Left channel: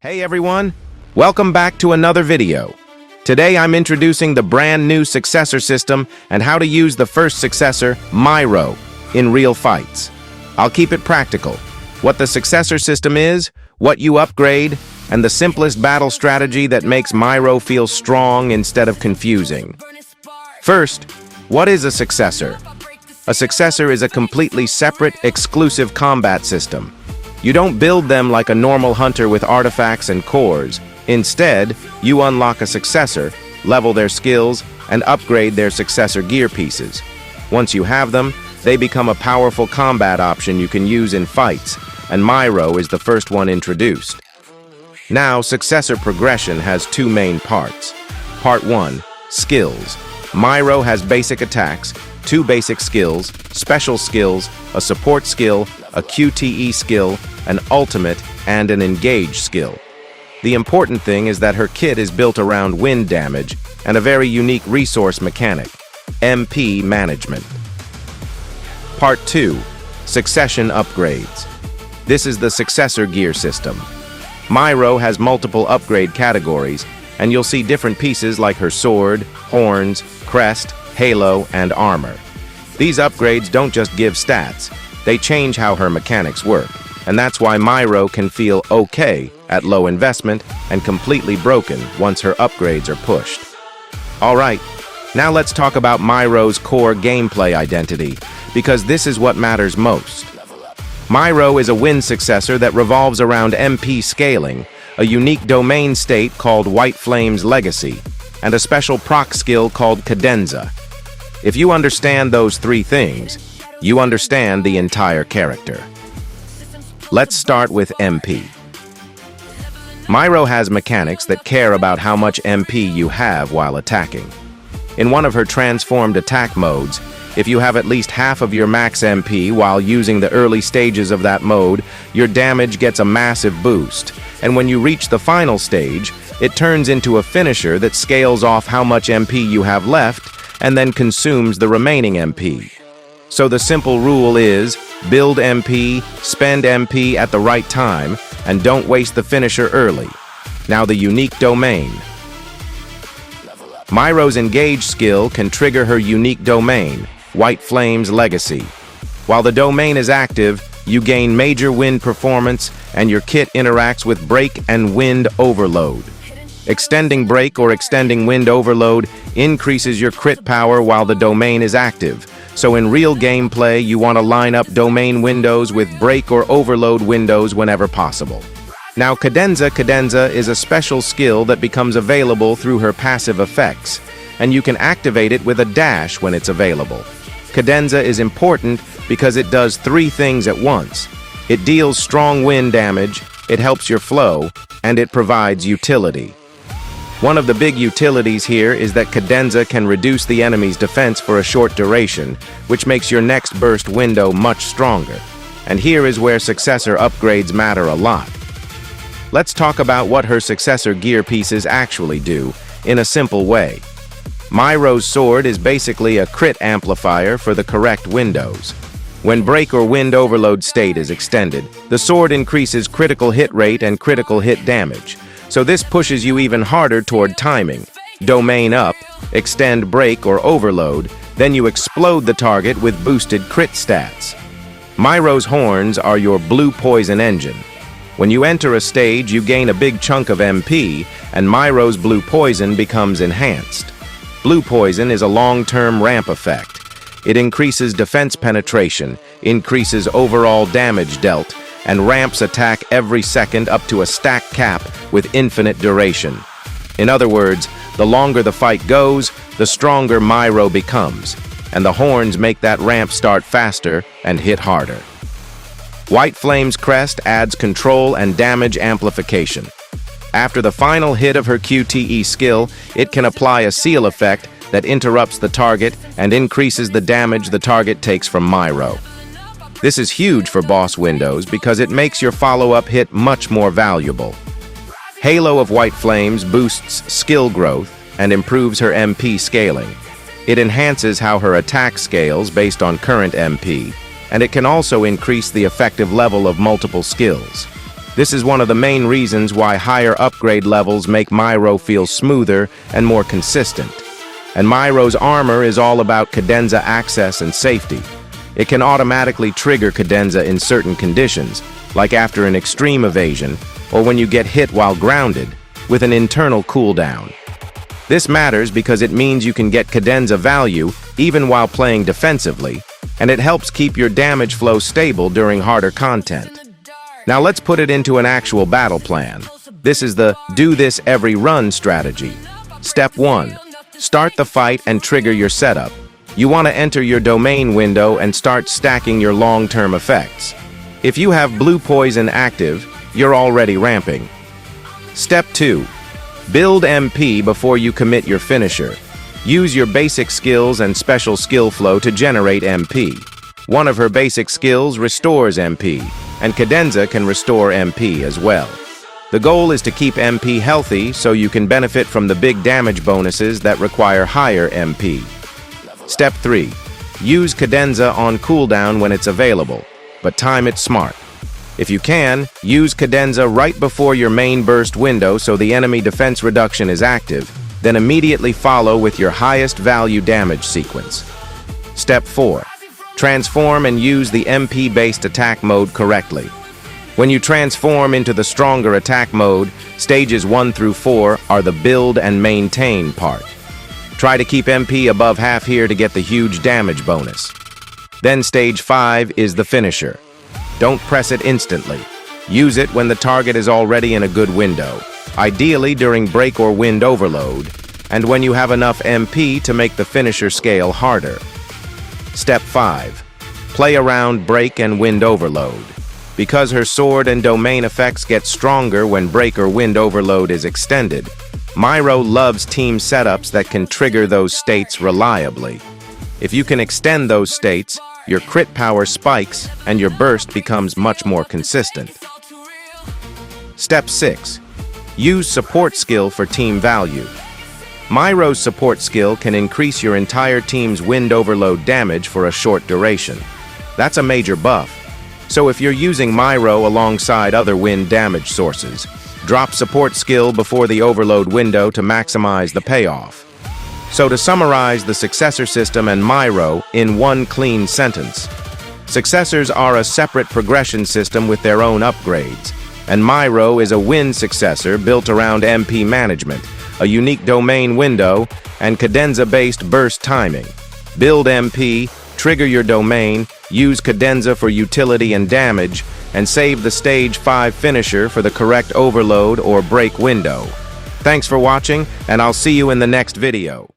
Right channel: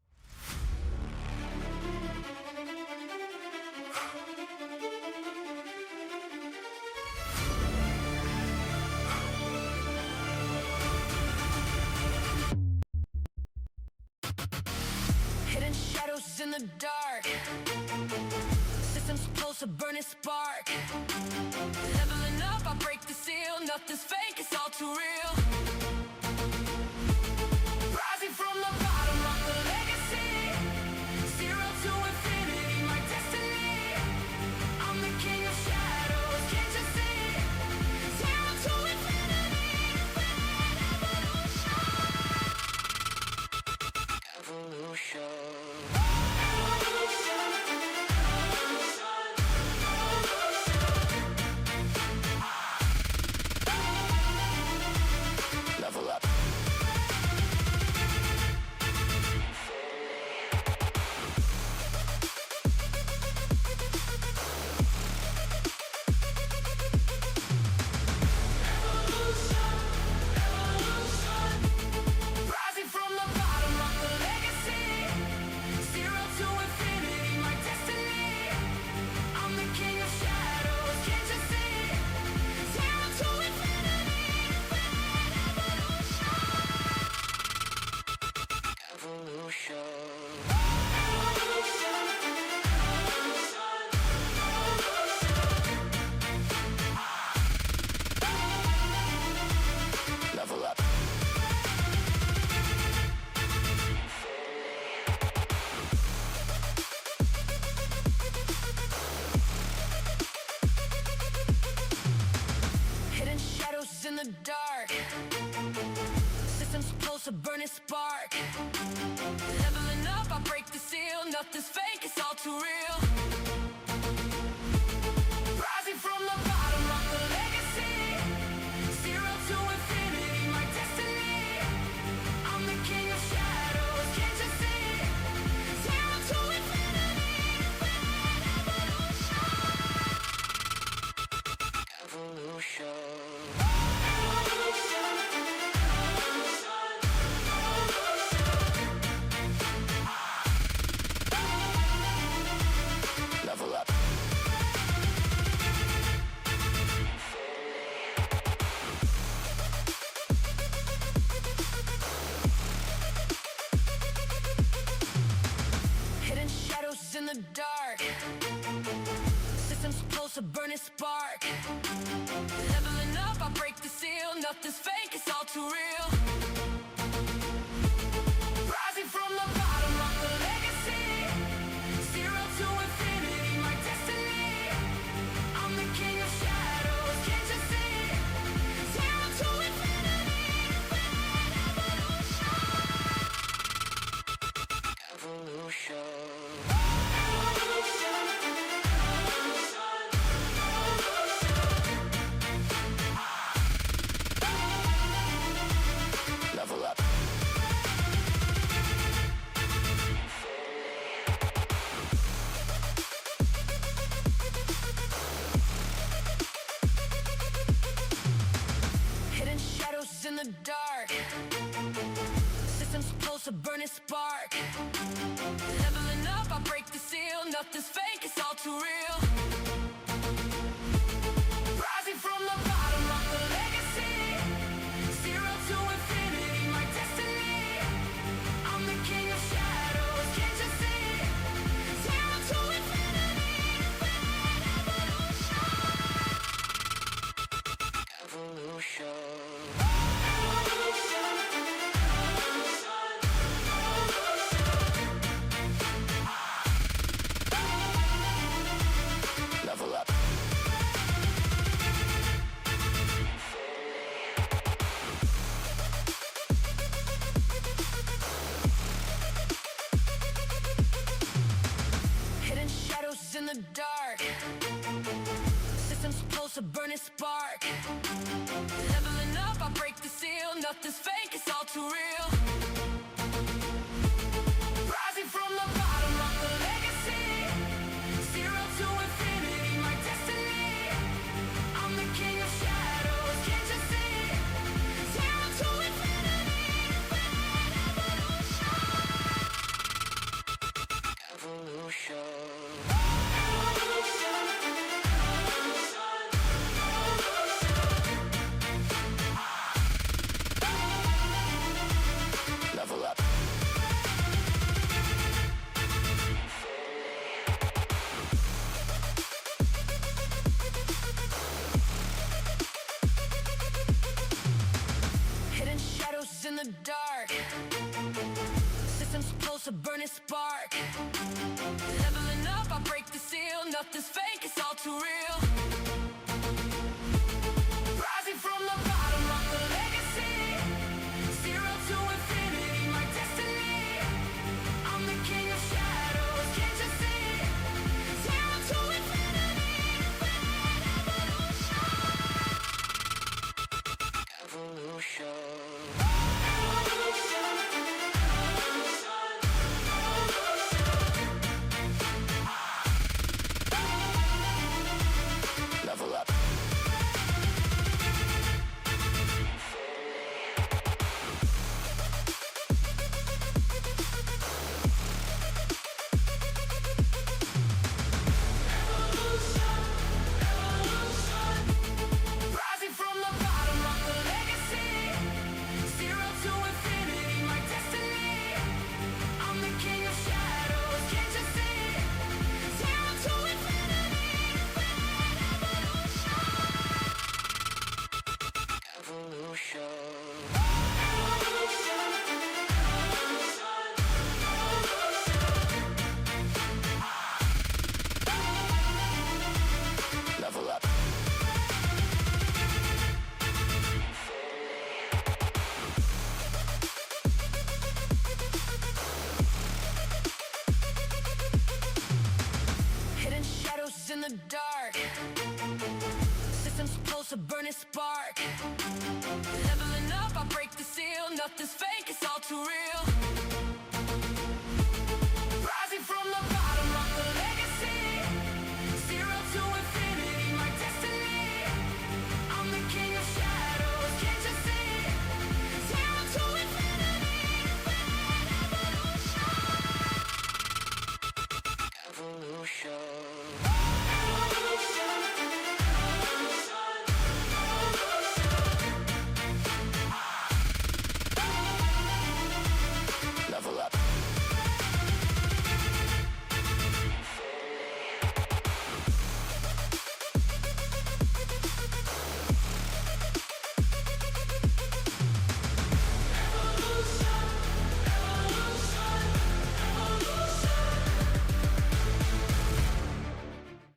Hey everyone, welcome back to another video. Today I'm introducing the brand new Successor system and how to use the first Successor, Myro, in real fights. I'll keep it practical. What the Successor system is, what you upgrade, and the simplest battle strategy that makes Myro feel strong instead of confusing. First, what is a Successor? A Successor is a completely separate, exclusive combat system. You don't build them like a normal hunter with artifacts and cores. Instead, you unlock a Successor, level their skills, and upgrade their Successor gear pieces. Once you have them, they become a powerful combat option you can use in fights, and Myro is the first one introduced. Now, Successor progression has two main parts. Part 1, Skills. Myro has basic attacks, 2 basic skills, special skills, a support skill, a QTE skill, an ultimate, and an engage skill. The important thing is that her kit is built around wind damage and a very unique resource mechanic, MP management. Part 2, Succession upgrades. This is the Successor gear system. Myro has multiple upgrade categories, and you'll see different pieces like her sword, horns, crest, halo, and armor. These upgrades don't just give stats, they change how her mechanics work, and that's why Myro can feel okay at low investment and completely broken once her upgrades are pushed. Alright, now let's talk about Myro's core gameplay identity, because this is what matters most. Myro is a wind successor that revolves around MP scaling, a unique domain state called White Flame's Legacy, and a special proc skill called Cadenza. If you understand those three things, you understand the entire character. Let's start with MP. Myro has mechanics that care about how much MP you have while attacking. In one of her transformed attack modes, if you have at least half of your max MP while using the early stages of that mode, your damage gets a massive boost, and when you reach the final stage, it turns into a finisher that scales off how much MP you have left and then consumes the remaining MP. So the simple rule is, build MP, spend MP at the right time, and don't waste the finisher early. Now the unique domain. Myro's engage skill can trigger her unique domain, White Flame's Legacy. While the domain is active, you gain major wind performance, and your kit interacts with break and wind overload. Extending break or extending wind overload increases your crit power while the domain is active. So in real gameplay, you want to line up domain windows with break or overload windows whenever possible. Now Cadenza is a special skill that becomes available through her passive effects, and you can activate it with a dash when it's available. Cadenza is important because it does 3 things at once. It deals strong wind damage, it helps your flow, and it provides utility. One of the big utilities here is that Cadenza can reduce the enemy's defense for a short duration, which makes your next burst window much stronger. And here is where Successor upgrades matter a lot. Let's talk about what her Successor gear pieces actually do, in a simple way. Myro's sword is basically a crit amplifier for the correct windows. When break or wind overload state is extended, the sword increases critical hit rate and critical hit damage. So this pushes you even harder toward timing. Domain up, extend break or overload, then you explode the target with boosted crit stats. Myro's horns are your blue poison engine. When you enter a stage, you gain a big chunk of MP, and Myro's blue poison becomes enhanced. Blue poison is a long-term ramp effect. It increases defense penetration, increases overall damage dealt, and ramps attack every second up to a stack cap with infinite duration. In other words, the longer the fight goes, the stronger Myro becomes, and the horns make that ramp start faster and hit harder. White Flame's crest adds control and damage amplification. After the final hit of her QTE skill, it can apply a seal effect that interrupts the target and increases the damage the target takes from Myro. This is huge for boss windows because it makes your follow-up hit much more valuable. Halo of White Flames boosts skill growth and improves her MP scaling. It enhances how her attack scales based on current MP, and it can also increase the effective level of multiple skills. This is one of the main reasons why higher upgrade levels make Myro feel smoother and more consistent. And Myro's armor is all about cadenza access and safety. It can automatically trigger cadenza in certain conditions, like after an extreme evasion or when you get hit while grounded, with an internal cooldown. This matters because it means you can get cadenza value even while playing defensively, and it helps keep your damage flow stable during harder content. Now let's put it into an actual battle plan. This is the do this every run strategy. Step 1. Start the fight and trigger your setup. You want to enter your domain window and start stacking your long-term effects. If you have blue poison active, you're already ramping. Step 2. Build MP before you commit your finisher. Use your basic skills and special skill flow to generate MP. One of her basic skills restores MP, and cadenza can restore MP as well. The goal is to keep MP healthy so you can benefit from the big damage bonuses that require higher MP. Step 3. Use cadenza on cooldown when it's available, but time it smart. If you can, use cadenza right before your main burst window so the enemy defense reduction is active, then immediately follow with your highest value damage sequence. Step 4. Transform and use the MP-based attack mode correctly. When you transform into the stronger attack mode, stages 1 through 4 are the build and maintain part. Try to keep MP above half here to get the huge damage bonus. Then stage 5 is the finisher. Don't press it instantly. Use it when the target is already in a good window, ideally during break or wind overload, and when you have enough MP to make the finisher scale harder. Step 5. Play around break and wind overload. Because her sword and domain effects get stronger when break or wind overload is extended, Myro loves team setups that can trigger those states reliably. If you can extend those states, your crit power spikes and your burst becomes much more consistent. Step 6. Use support skill for team value. Myro's support skill can increase your entire team's wind overload damage for a short duration. That's a major buff. So if you're using Myro alongside other wind damage sources, drop support skill before the overload window to maximize the payoff. So to summarize the Successor system and Myro in one clean sentence, Successors are a separate progression system with their own upgrades, and Myro is a win successor built around MP management, a unique domain window, and cadenza-based burst timing. Build MP, trigger your domain, use cadenza for utility and damage, and save the stage 5 finisher for the correct overload or break window. Thanks for watching, and I'll see you in the next video.